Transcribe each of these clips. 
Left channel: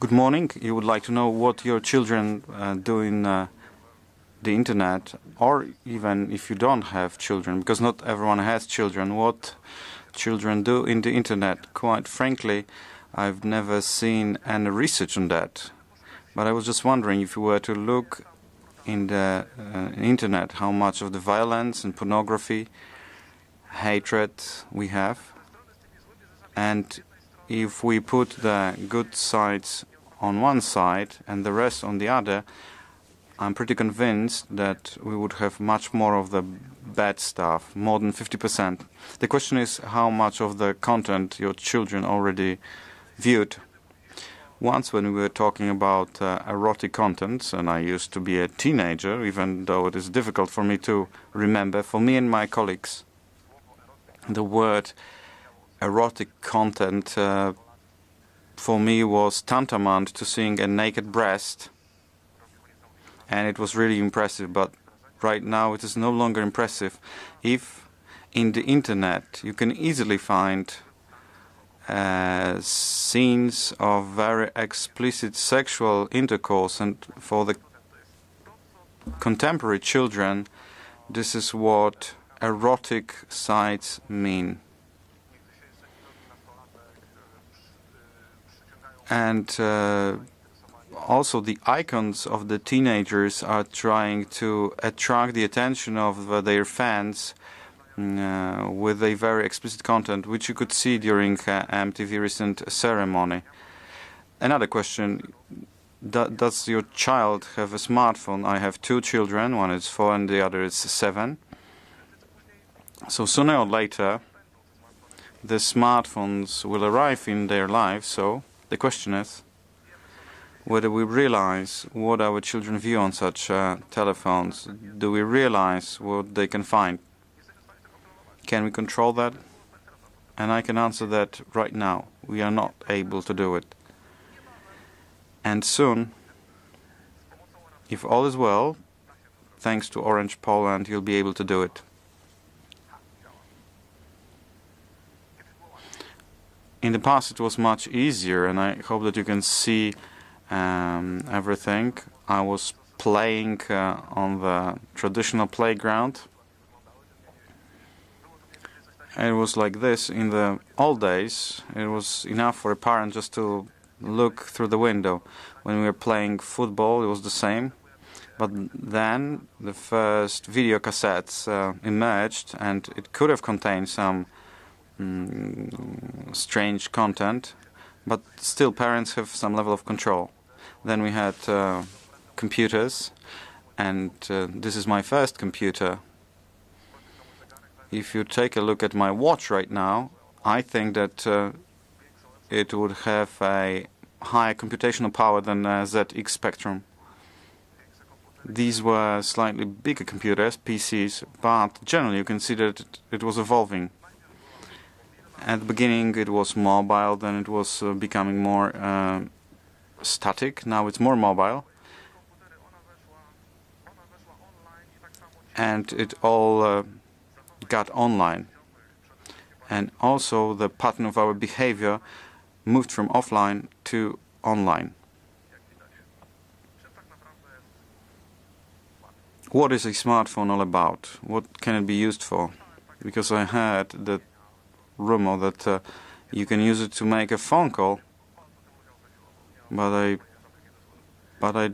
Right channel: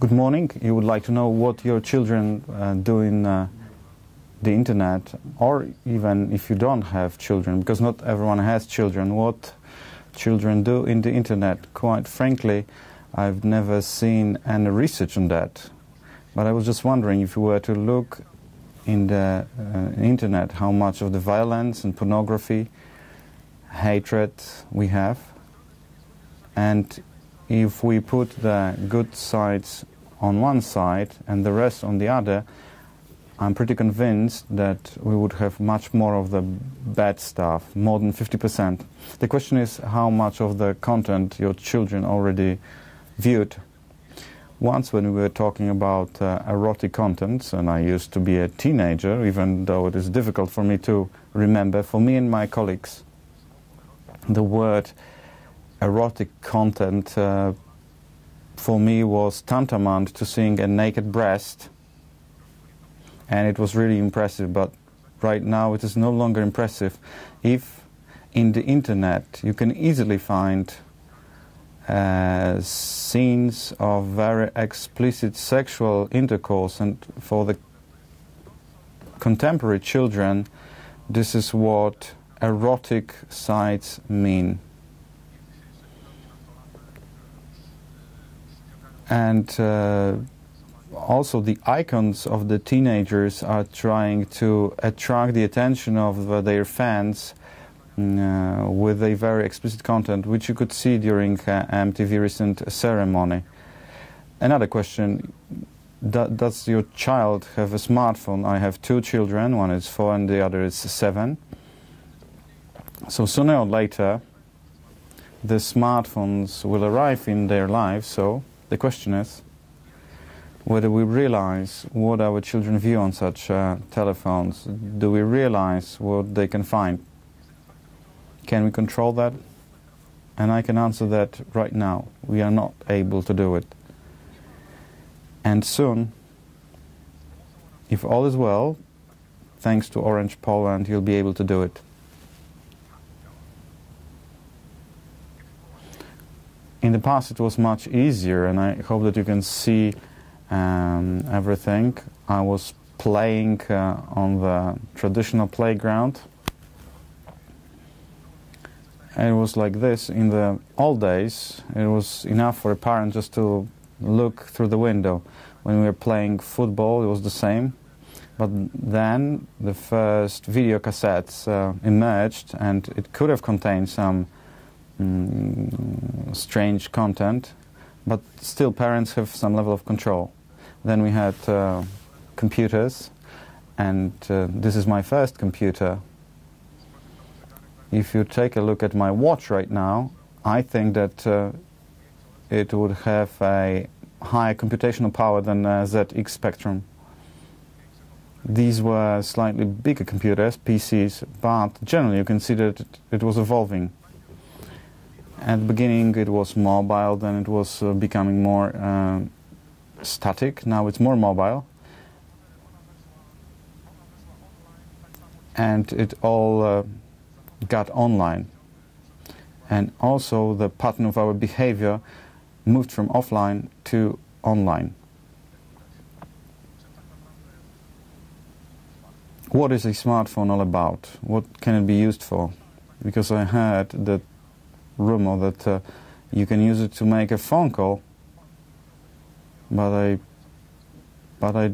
Good morning. You would like to know what your children do in the internet, or even if you don't have children, because not everyone has children, what children do in the internet. Quite frankly, I've never seen any research on that. But I was just wondering, if you were to look in the internet, how much of the violence and pornography, hatred we have, and if we put the good sides on one side and the rest on the other, I'm pretty convinced that we would have much more of the bad stuff, more than 50%. The question is how much of the content your children already viewed. Once when we were talking about erotic contents, and I used to be a teenager, even though it is difficult for me to remember, for me and my colleagues, the word erotic content for me was tantamount to seeing a naked breast, and it was really impressive. But right now it is no longer impressive. If in the internet you can easily find scenes of very explicit sexual intercourse, and for the contemporary children this is what erotic sites mean. And also the icons of the teenagers are trying to attract the attention of their fans with a very explicit content, which you could see during MTV recent ceremony. Another question, does your child have a smartphone? I have two children, one is 4 and the other is 7. So sooner or later the smartphones will arrive in their lives. So the question is whether we realize what our children view on such telephones. Do we realize what they can find? Can we control that? And I can answer that right now. We are not able to do it. And soon, if all is well, thanks to Orange Poland, you'll be able to do it. In the past it was much easier, and I hope that you can see everything. I was playing on the traditional playground. And it was like this. In the old days, it was enough for a parent just to look through the window. When we were playing football, it was the same. But then the first video cassettes emerged, and it could have contained some strange content, but still parents have some level of control. Then we had computers, and this is my first computer. If you take a look at my watch right now, I think that it would have a higher computational power than ZX Spectrum. These were slightly bigger computers, PCs, but generally you can see that it was evolving. At the beginning it was mobile, then it was becoming more static. Now it's more mobile. And it all got online. And also the pattern of our behavior moved from offline to online. What is a smartphone all about? What can it be used for? Because I heard that rumor that you can use it to make a phone call, but I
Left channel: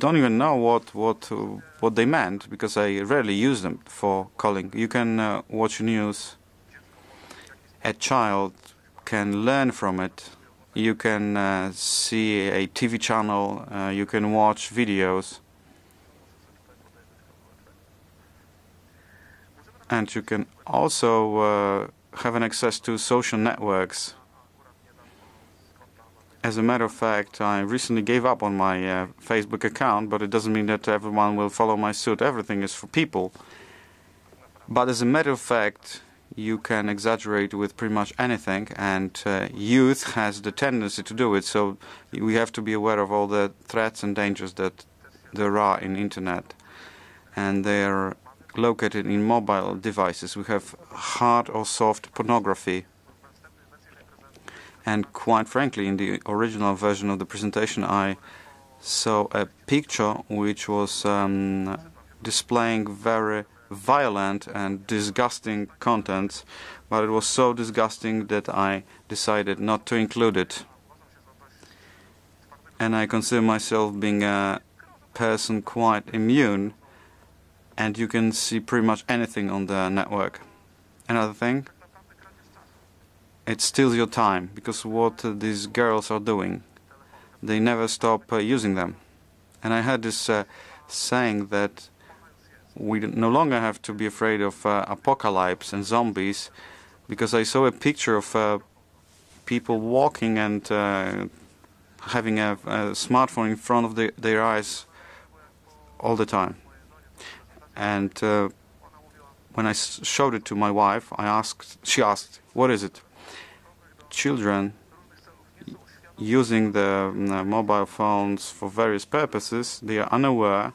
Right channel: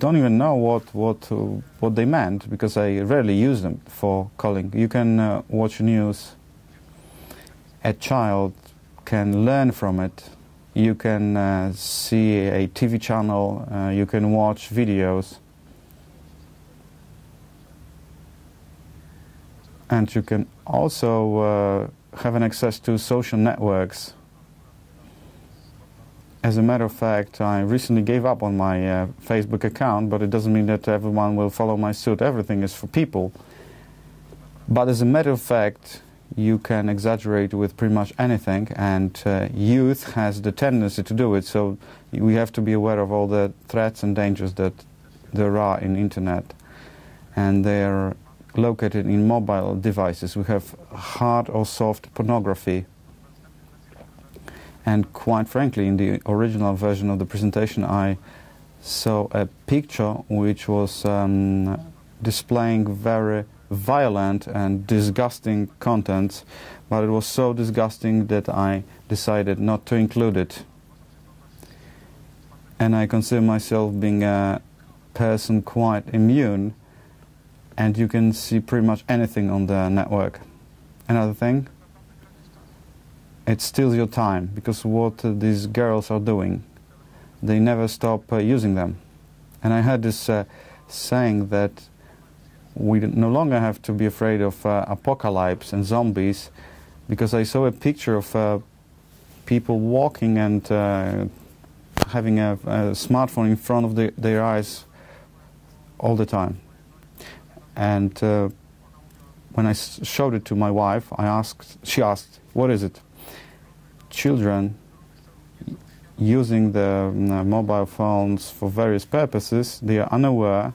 don't even know what they meant, because I rarely use them for calling. You can watch news. A child can learn from it. You can see a TV channel. You can watch videos, and you can also have an access to social networks. As a matter of fact, I recently gave up on my Facebook account, but it doesn't mean that everyone will follow my suit. Everything is for people. But as a matter of fact, you can exaggerate with pretty much anything, and youth has the tendency to do it. So we have to be aware of all the threats and dangers that there are in internet, and they're located in mobile devices. We have hard or soft pornography. And quite frankly, in the original version of the presentation, I saw a picture which was displaying very violent and disgusting contents, but it was so disgusting that I decided not to include it. And I consider myself being a person quite immune, and you can see pretty much anything on the network. Another thing, it steals your time, because what these girls are doing, they never stop using them. And I had this saying that we no longer have to be afraid of apocalypse and zombies, because I saw a picture of people walking and having a smartphone in front of their eyes all the time. And when I showed it to my wife, she asked, "What is it?" Children using the mobile phones for various purposes, they are unaware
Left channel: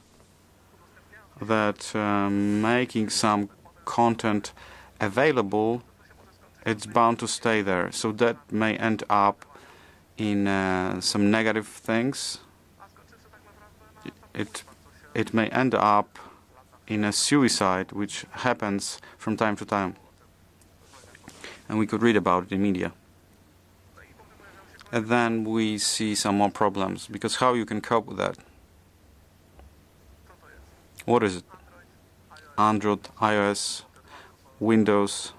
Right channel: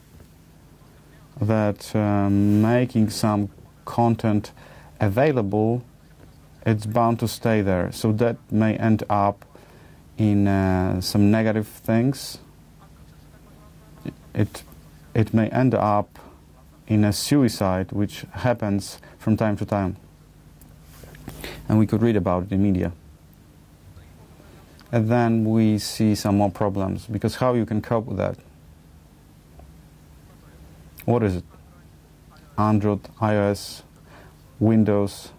that making some content available, it's bound to stay there. So that may end up in some negative things. It may end up in a suicide, which happens from time to time. And we could read about it in media. And then we see some more problems, because how you can cope with that? What is it? Android, iOS, Windows,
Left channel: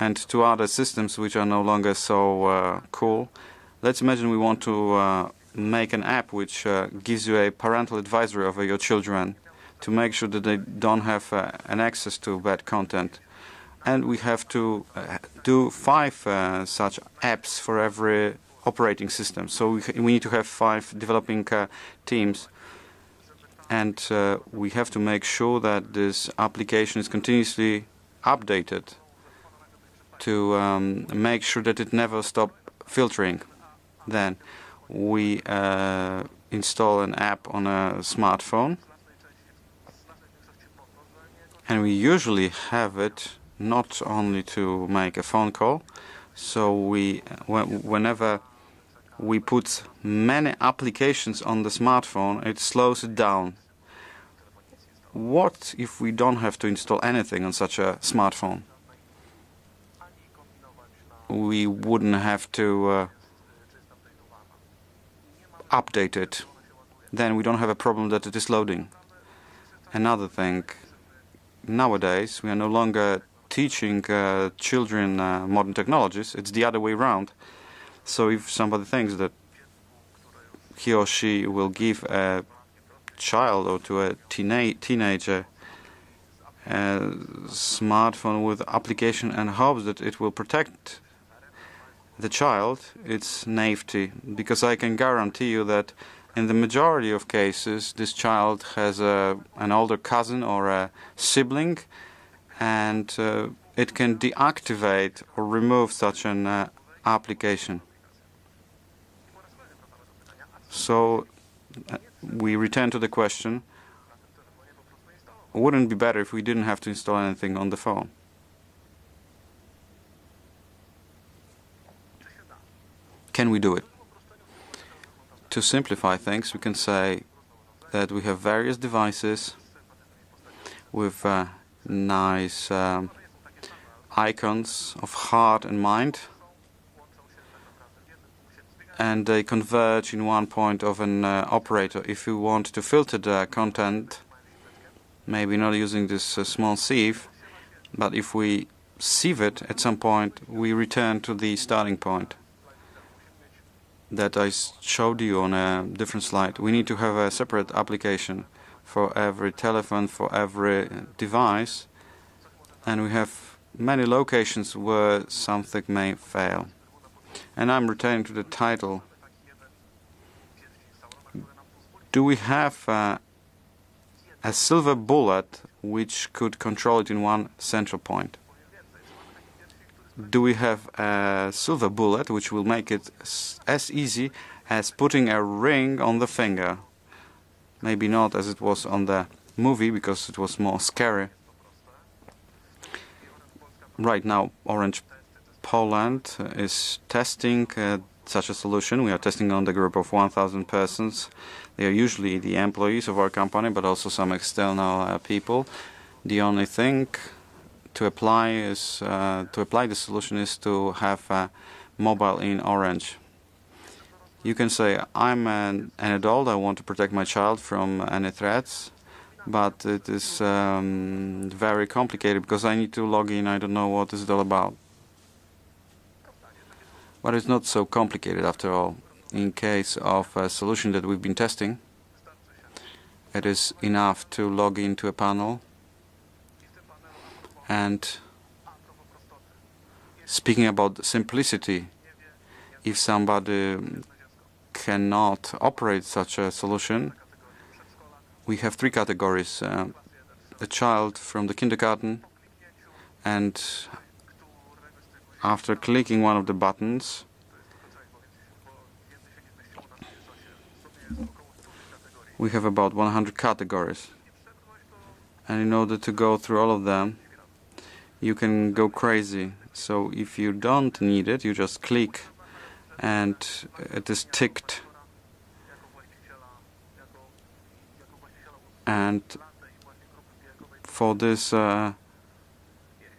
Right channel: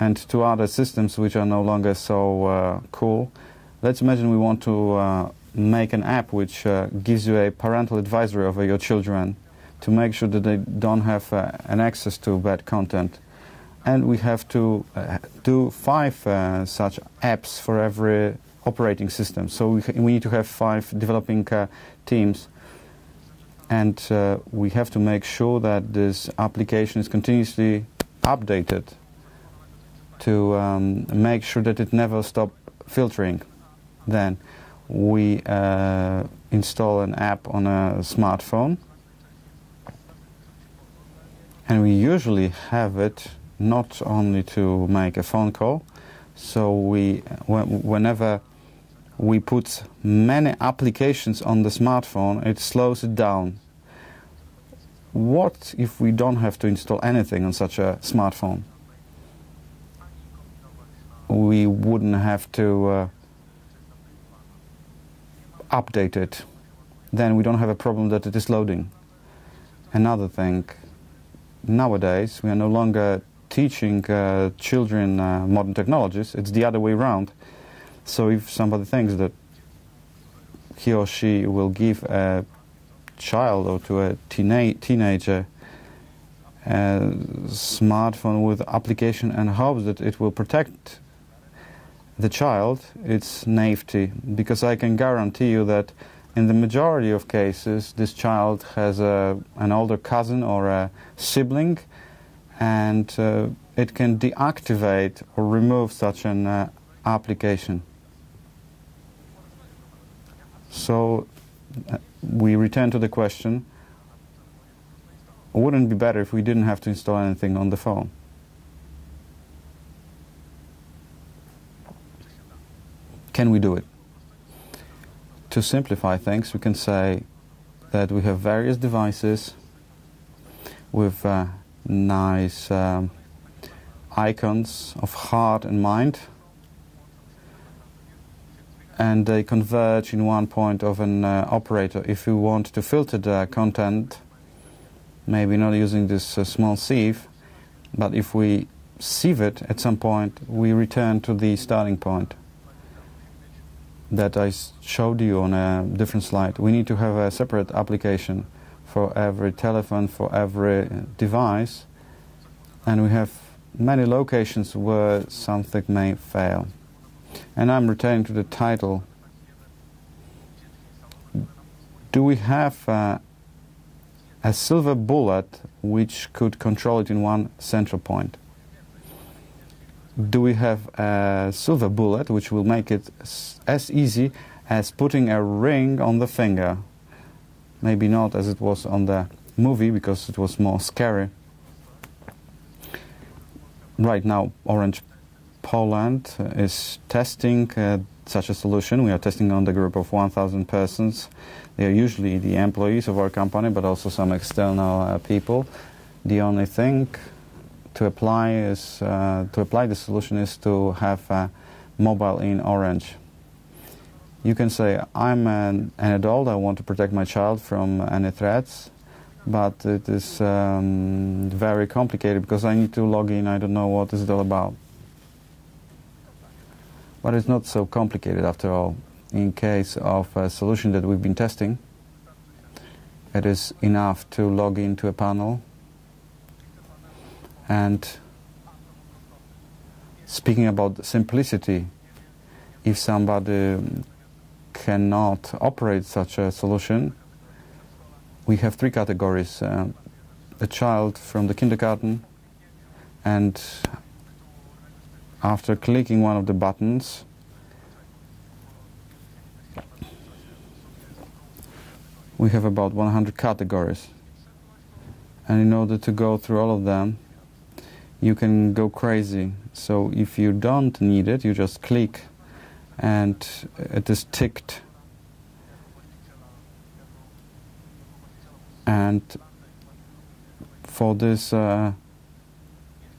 and two other systems which are no longer so cool. Let's imagine we want to make an app which gives you a parental advisory over your children to make sure that they don't have an access to bad content. And we have to do 5 such apps for every operating system. So we need to have 5 developing teams. And we have to make sure that this application is continuously updated to make sure that it never stops filtering. Then we install an app on a smartphone. And we usually have it not only to make a phone call. So whenever we put many applications on the smartphone, it slows it down. What if we don't have to install anything on such a smartphone? We wouldn't have to update it. Then we don't have a problem that it is loading. Another thing, nowadays we are no longer teaching children modern technologies. It's the other way around. So if somebody thinks that he or she will give a child or to a teenager a smartphone with application and hopes that it will protect the child, it's naivety, because I can guarantee you that in the majority of cases this child has an older cousin or a sibling, and it can deactivate or remove such an application. So we return to the question, wouldn't it be better if we didn't have to install anything on the phone? Can we do it? To simplify things, we can say that we have various devices with nice icons of heart and mind, and they converge in one point of an operator. If we want to filter the content, maybe not using this small sieve, but if we sieve it at some point, we return to the starting point that I showed you on a different slide. We need to have a separate application for every telephone, for every device, and we have many locations where something may fail. And I'm returning to the title. Do we have a silver bullet which could control it in one central point? Do we have a silver bullet which will make it as easy as putting a ring on the finger? Maybe not as it was on the movie, because it was more scary. Right now, orange Poland is testing such a solution. We are testing on the group of 1,000 persons. They are usually the employees of our company, but also some external people. The only thing to apply the solution is to have mobile in Orange. You can say, I'm an adult, I want to protect my child from any threats, but it is very complicated because I need to log in, I don't know what is it all about. But it's not so complicated after all. In case of a solution that we've been testing, it is enough to log into a panel. And speaking about simplicity, if somebody cannot operate such a solution, we have three categories. A child from the kindergarten, and after clicking one of the buttons, we have about 100 categories. And in order to go through all of them, you can go crazy. So if you don't need it, you just click and it is ticked. And for this,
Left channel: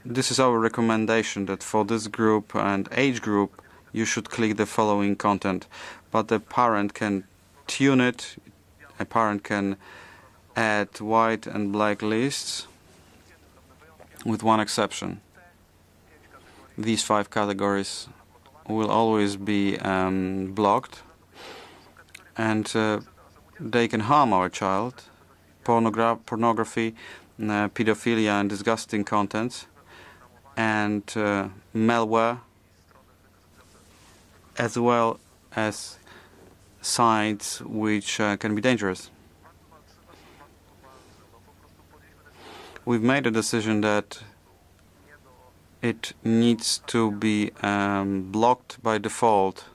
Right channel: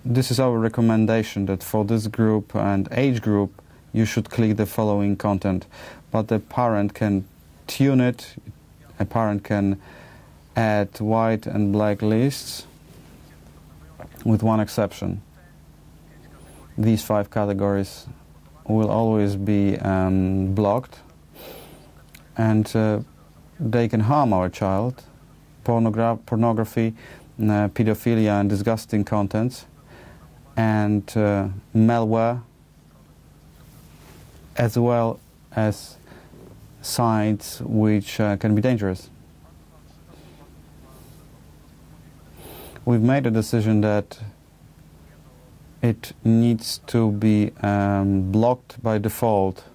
this is our recommendation, that for this group and age group, you should click the following content. But the parent can tune it. A parent can add white and black lists, with one exception. These 5 categories will always be blocked, and they can harm our child. Pornography, pedophilia and disgusting contents, and malware, as well as sites which can be dangerous. We've made a decision that it needs to be blocked by default.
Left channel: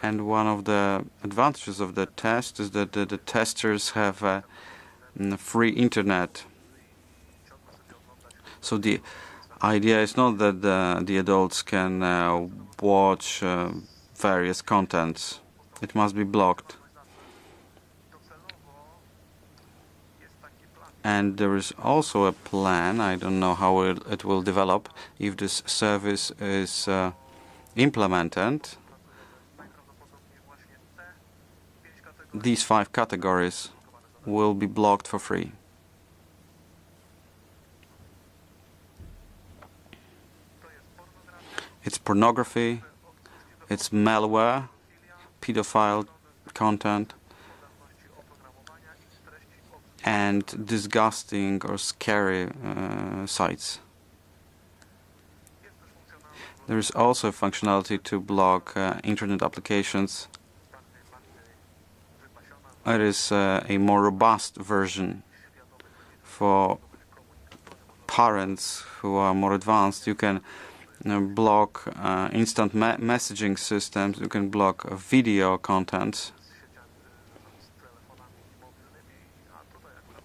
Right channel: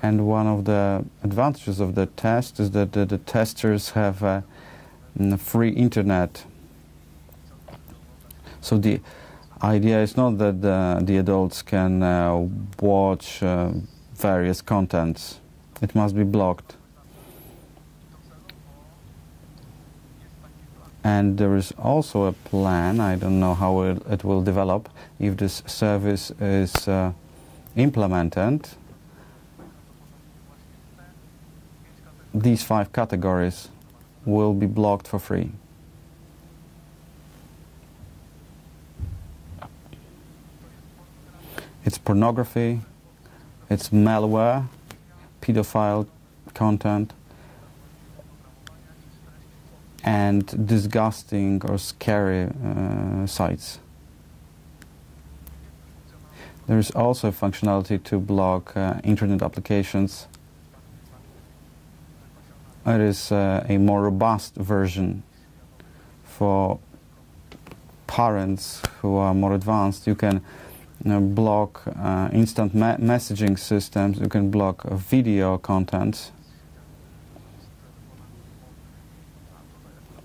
And one of the advantages of the test is that the testers have free internet. So the idea is not that the adults can watch various contents. It must be blocked. And there is also a plan, I don't know how it will develop, if this service is implemented. These 5 categories will be blocked for free. It's pornography, it's malware, pedophile content, and disgusting or scary sites. There is also a functionality to block internet applications. It is a more robust version for parents who are more advanced. You can block instant messaging systems. You can block video content.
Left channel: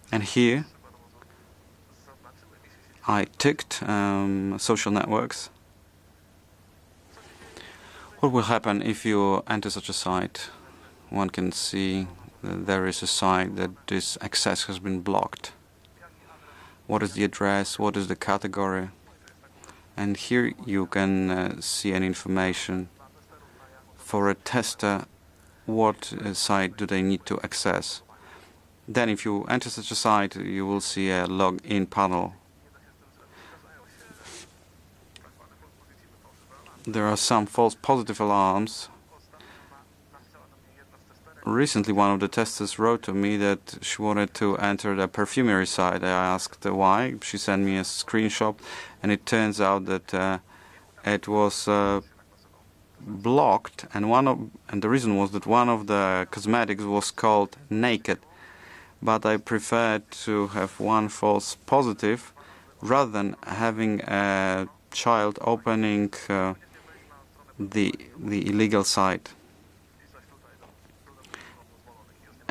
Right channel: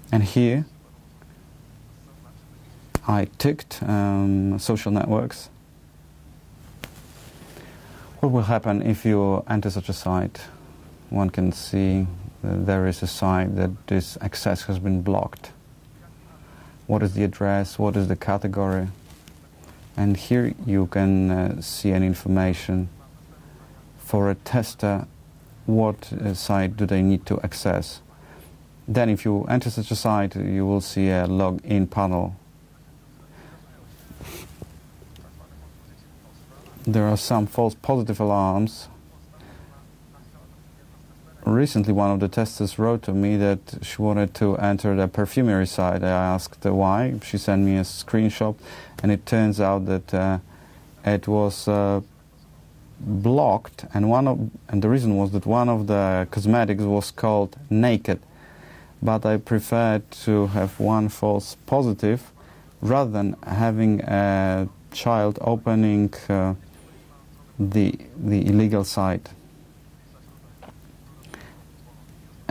And here I ticked social networks. What will happen if you enter such a site? One can see there is a site that this access has been blocked. What is the address? What is the category? And here you can see an information for a tester. What site do they need to access? Then if you enter such a site, you will see a login panel. There are some false positive alarms. Recently, one of the testers wrote to me that she wanted to enter the perfumery site. I asked why. She sent me a screenshot, and it turns out that it was blocked, and the reason was that one of the cosmetics was called Naked. But I preferred to have one false positive rather than having a child opening the illegal site.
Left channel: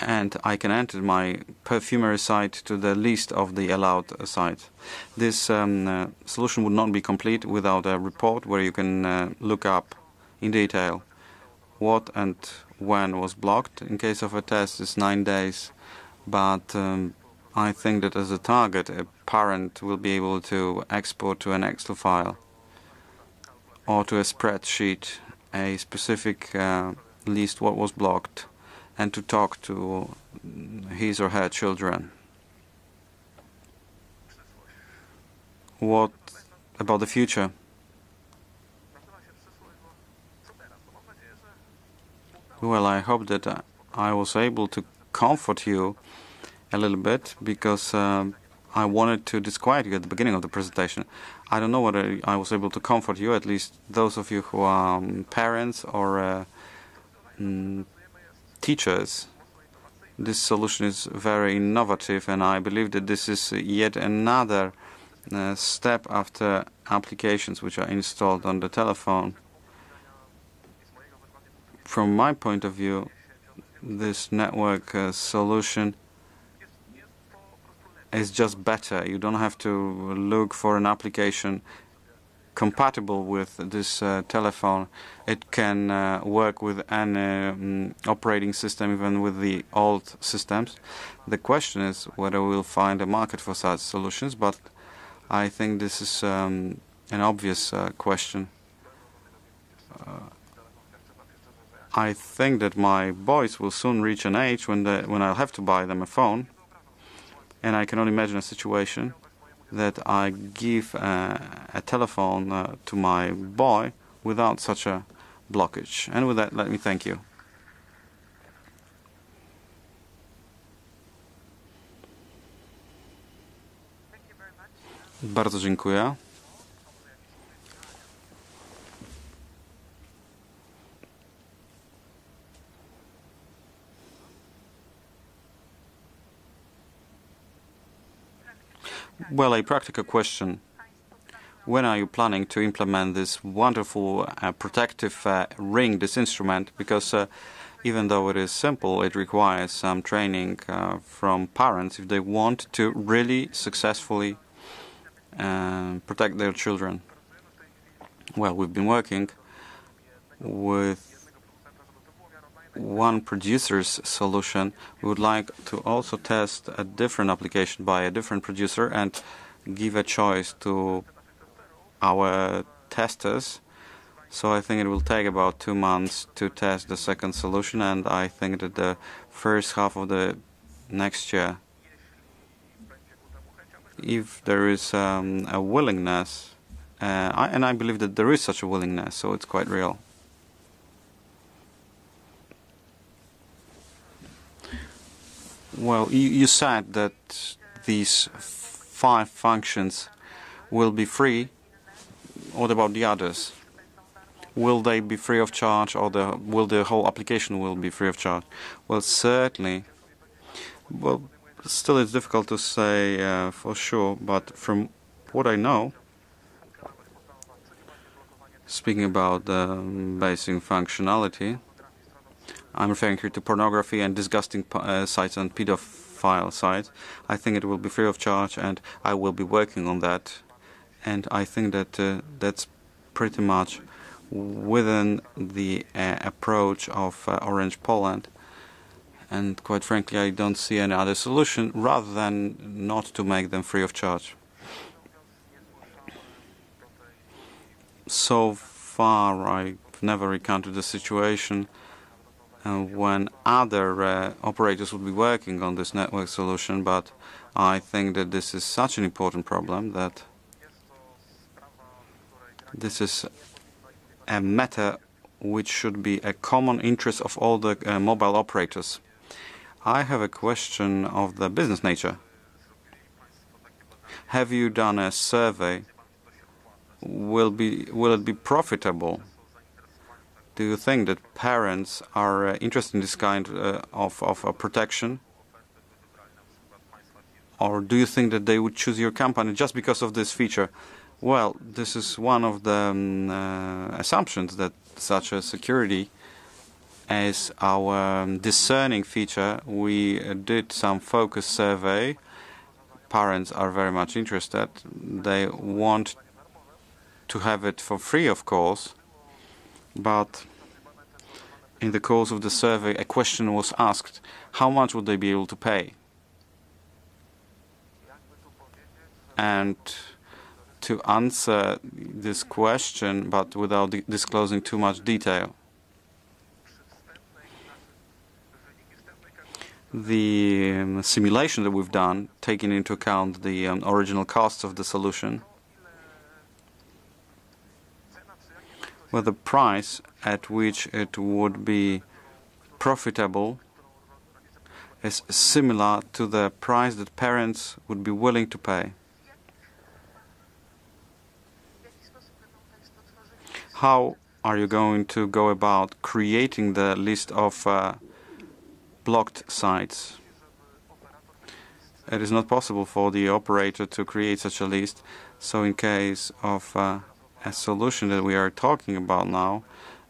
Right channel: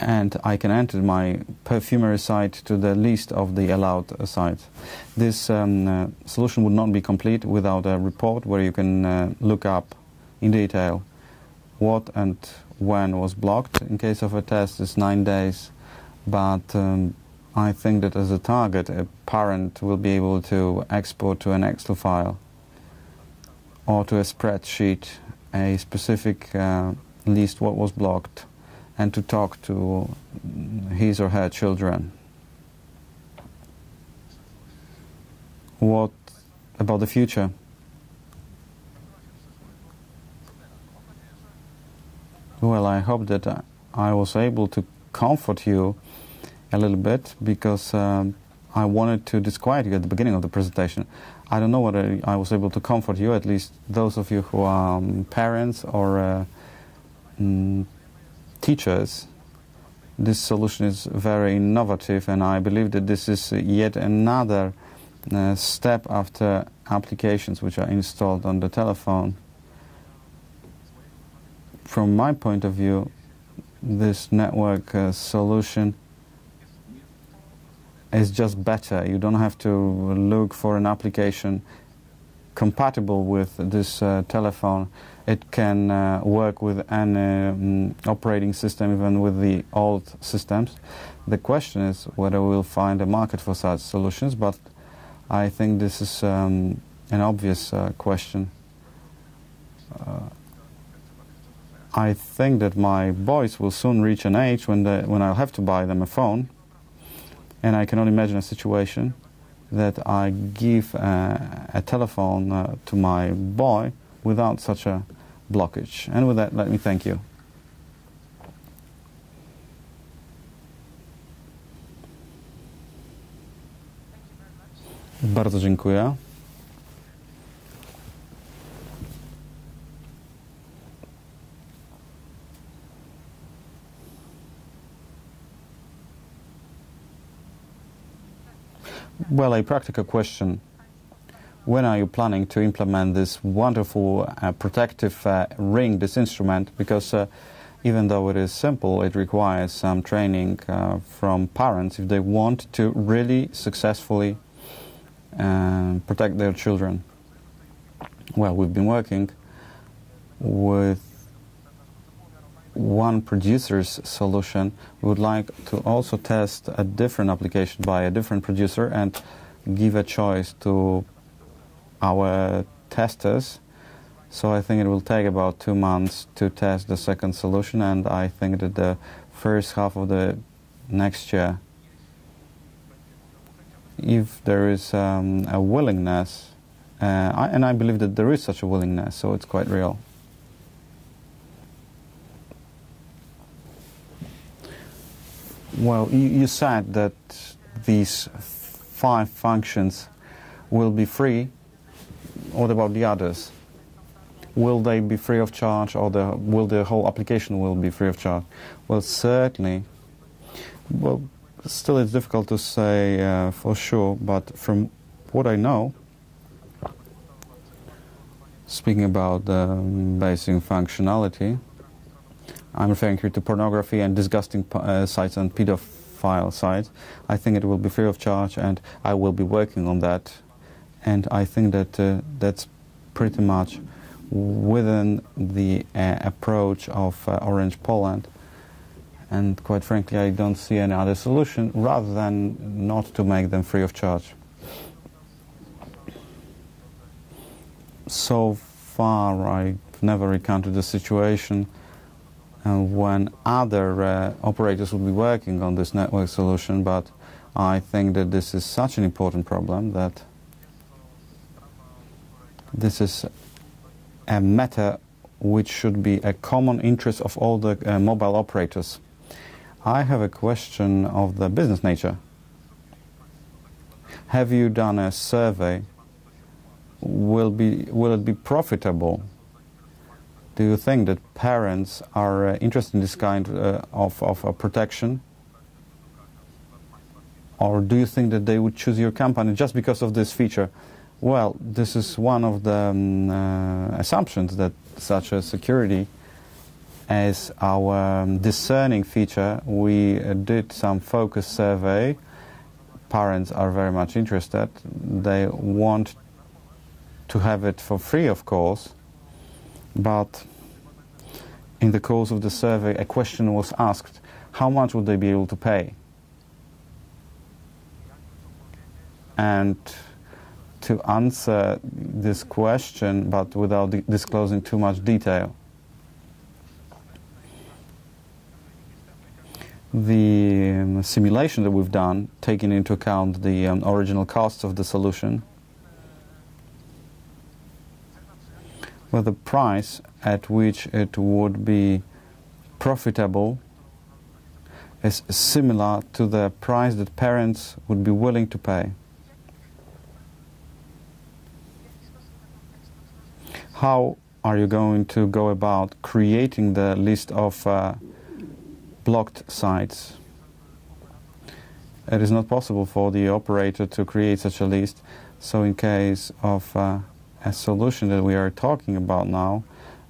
and I can enter my perfumery site to the list of the allowed sites. This solution would not be complete without a report where you can look up in detail what and when was blocked. In case of a test, it's 9 days, but I think that as a target, a parent will be able to export to an Excel file or to a spreadsheet a specific list what was blocked, and to talk to his or her children. What about the future? Well, I hope that I was able to comfort you a little bit, because I wanted to disquiet you at the beginning of the presentation. I don't know whether I was able to comfort you, at least those of you who are parents or teachers. This solution is very innovative, and I believe that this is yet another step after applications which are installed on the telephone. From my point of view, this network solution is just better. You don't have to look for an application compatible with this telephone. It can work with an operating system, even with the old systems. The question is whether we'll find a market for such solutions, but I think this is an obvious question. I think that my boys will soon reach an age when I'll have to buy them a phone, and I can only imagine a situation that I give a telephone to my boy without such a blockage. And with that, let me thank you. Bardzo dziękuję. Well, a practical question. When are you planning to implement this wonderful protective ring, this instrument? Because even though it is simple, it requires some training from parents if they want to really successfully protect their children. Well, we've been working with one producer's solution. We would like to also test a different application by a different producer and give a choice to our testers. So I think it will take about 2 months to test the second solution, and I think that the first half of the next year, if there is a willingness, and I believe that there is such a willingness, so it's quite real. Well, you said that these 5 functions will be free. What about the others? Will they be free of charge, or will the whole application will be free of charge? Well, certainly. Well, still it's difficult to say for sure, but from what I know, speaking about the basic functionality, I'm referring here to pornography and disgusting sites and pedophile sites. I think it will be free of charge, and I will be working on that. And I think that that's pretty much within the approach of Orange Poland. And quite frankly, I don't see any other solution rather than not to make them free of charge. So far, I've never encountered a situation when other operators would be working on this network solution, but I think that this is such an important problem that this is a matter which should be a common interest of all the mobile operators. I have a question of the business nature. Have you done a survey? Will it be profitable? Do you think that parents are interested in this kind of protection? Or do you think that they would choose your company just because of this feature? Well, this is one of the assumptions, that such a security as our discerning feature, we did some focus survey. Parents are very much interested. They want to have it for free, of course, but in the course of the survey, a question was asked: how much would they be able to pay? And to answer this question, but without disclosing too much detail, the simulation that we've done, taking into account the original costs of the solution, with the price at which it would be profitable is similar to the price that parents would be willing to pay. How are you going to go about creating the list of blocked sites? It is not possible for the operator to create such a list, so in case of a solution that we are talking about now,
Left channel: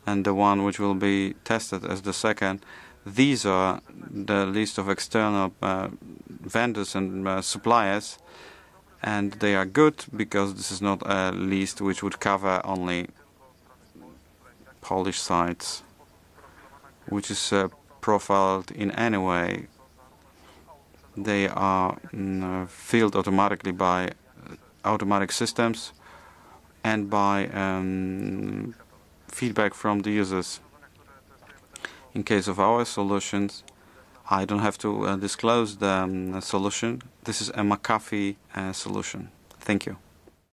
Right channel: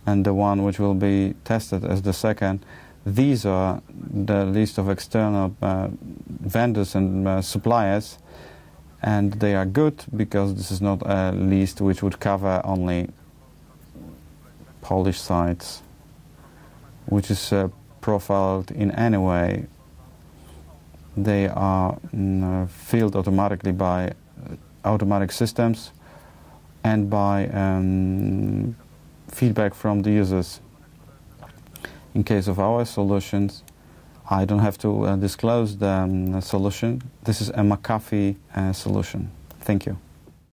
and the one which will be tested as the second, these are the list of external vendors and suppliers, and they are good because this is not a list which would cover only Polish sites, which is profiled in any way. They are filled automatically by automatic systems and by feedback from the users. In case of our solutions, I don't have to disclose the solution. This is a McAfee solution. Thank you.